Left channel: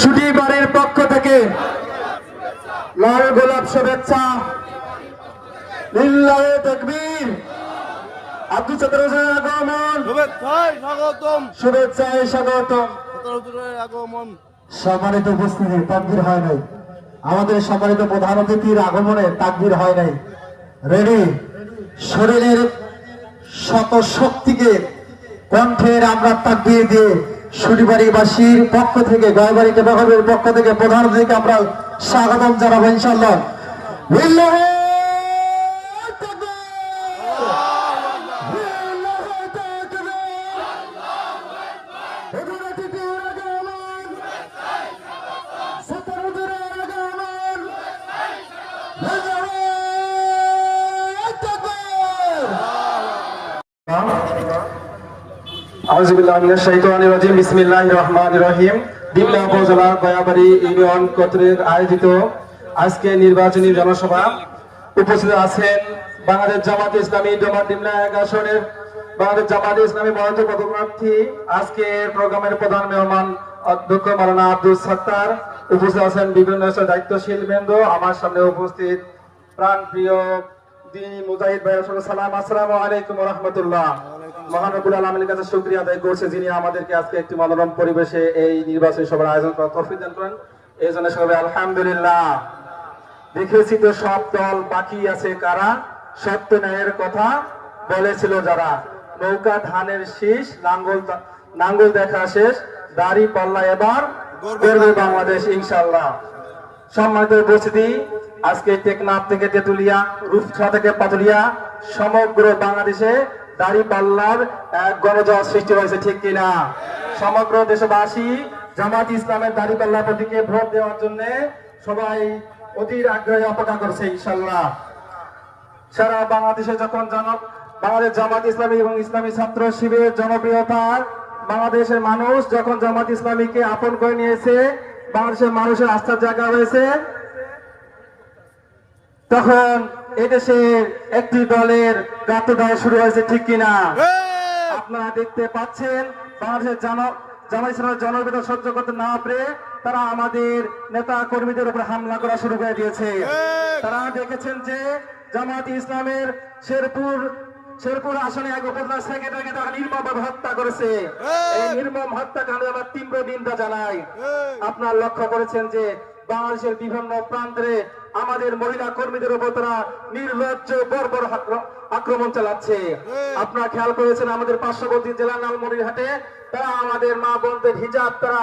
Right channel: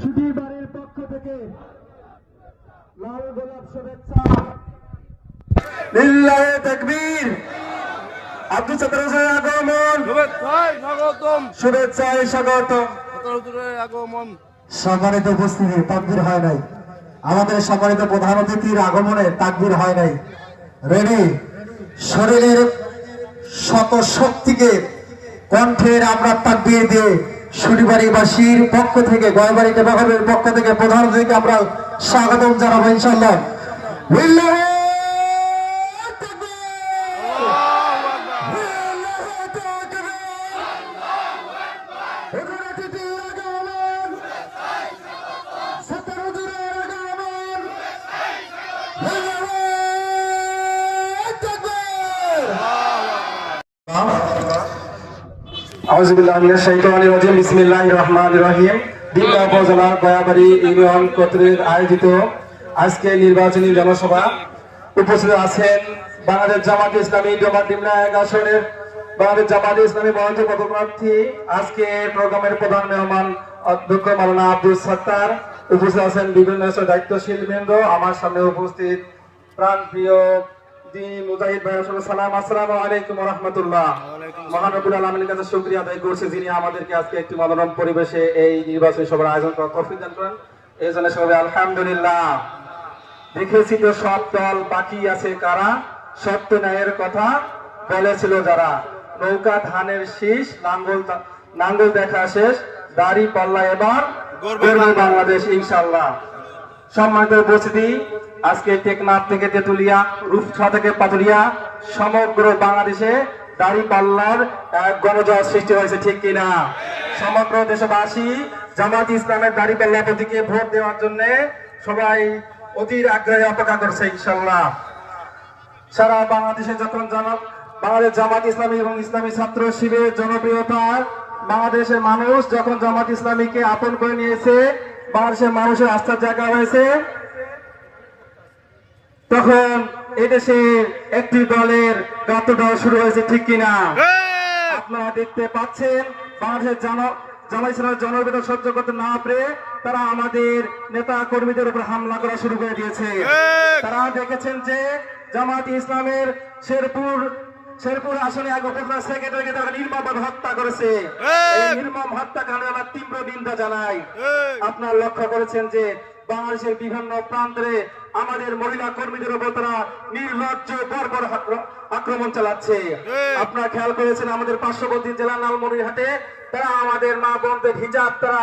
ছুটি বাড়ির পক্ষ থেকে লাল গোলাপ শুভেচ্ছা। লিল্লাহে তাকবীর। আব্দুল সত্তার হোসেনের আগমন, শুভেচ্ছায় স্বাগতম। আগমন সম্মানিত উপস্থিতি, তাকবীর হয় নাই। আমাদের সম্মানিত প্রধান অতিথির আগমনে তাকবীর হয় নাই। রেডি? শরীরের শত শক্তিকে কণ্ঠের আমরা তাকবীর দিয়ে সুরিবাড়িবাসীর পক্ষ থেকে, গয়বাড়ি টেপাঘরের পক্ষ থেকে প্রধান অতিথিকে আমরা স্বাগতম জানাবো ইনশাআল্লাহ। লিল্লাহে বিসমিল্লাহির রহমানির রহিম। দিল্লা উপজেলা গয়াবাড়ি ইউনিয়ন কর্তৃক আয়োজিত আজকে নির্বাচনী জনসভা উপস্থিত আছেন বাংলাদেশ জামাত ইসলামী ডোমাডিমলা আসনের বাংলাদেশ জামাত ইসলামী মনোনীত পদপ্রার্থী। আজকের প্রোগ্রামের প্রধান মেহমান অধ্যক্ষ মাওলানা আব্দুল সত্তার। উপস্থিত আছেন বিভিন্ন দায়িত্বশীল বৃন্দ। আমার সামনে উপস্থিত প্রাণ প্রিয় দিনী মুজাহিদ ভাই, সালাম, আসসালামু আলাইকুম ওয়া রাহমাতুল্লাহ। মহান রব্বুল আলামিনের কাছে শুকরিয়া আদায় করছি যিনি আমাদেরকে আজকে একটি মনোরম পরিবেশে এই নির্বাচনী সভার আয়োজন করার তৌফিক দান করেন। এই জন্য সবাই আলহামদুলিল্লাহ। দেখেছি তো সব দল বাকি আছে কারা, সত্য ন্যায়ের কথা বলেছিল যারা, নৌকা ধানের শীষ, নাঙ্গল দেখা শেষ, দাড়ি পাল্লা এবার গর্বে বাংলাদেশ ইনশাআল্লাহ। সম্মানিত উপস্থিতি, আজকে টেকনাফ থেকে তেতুলিয়া, রূপসা থেকে পাতুলিয়া, সমগ্র বাংলাদেশে দাড়ি পাল্লার এক গণজোয়ার সৃষ্টি হয়েছে, ঠিক কিনা? সমগ্র দেশবাসী জামাত ইসলামের দাড়ি পাল্লা প্রতীকে ভোট দেওয়ার জন্য সবাই অধীর আগ্রহে অপেক্ষা করছে ইনশাআল্লাহ। সারা বাংলাদেশে যখন বাংলাদেশ জামাত ইসলামী এবং ইসলামী ছাত্র শিবিরের জনপ্রিয়তা, বাংলাদেশের মানুষ যখন জামাত ইসলামীকে আপন করে নিয়েছে, বাংলাদেশের মানুষের আস্থার জায়গা হয়েছে, তখন এদেশে একটি দলের গাঁথ দেওয়া শুরু হয়েছে, ঠিক কিনা? আপনারা দেখতে পাচ্ছেন বাংলাদেশের জামাত ইসলামের জনপ্রিয়তা সহ্য করতে না পেরে তারা আমাদের নেতা কর্মীদের উপর হামলা করা শুরু করে দিয়েছে। তারা দেখেছেন যে জামাত ইসলামের শেরপুর আসনে উপজেলা সেক্রেটারিকে তারা নির্মমভাবে হত্যা করেছে। নির্মম হত্যাকাণ্ডে আমরা তীব্র নিন্দা জানাই। আপনারা লক্ষ্য করেছেন যে বাংলাদেশের বিভিন্ন প্রান্তে আমাদের মহিলা কর্মীদের উপর তারা নির্লজ্জ বর্বর আক্রমণ চালাচ্ছে। আপনারা খেয়াল করেছেন আমাদের পার্শ্ববর্তী জেলা লালমনিরহাটে তারা আমাদের মা বোনদের হিজাব তারা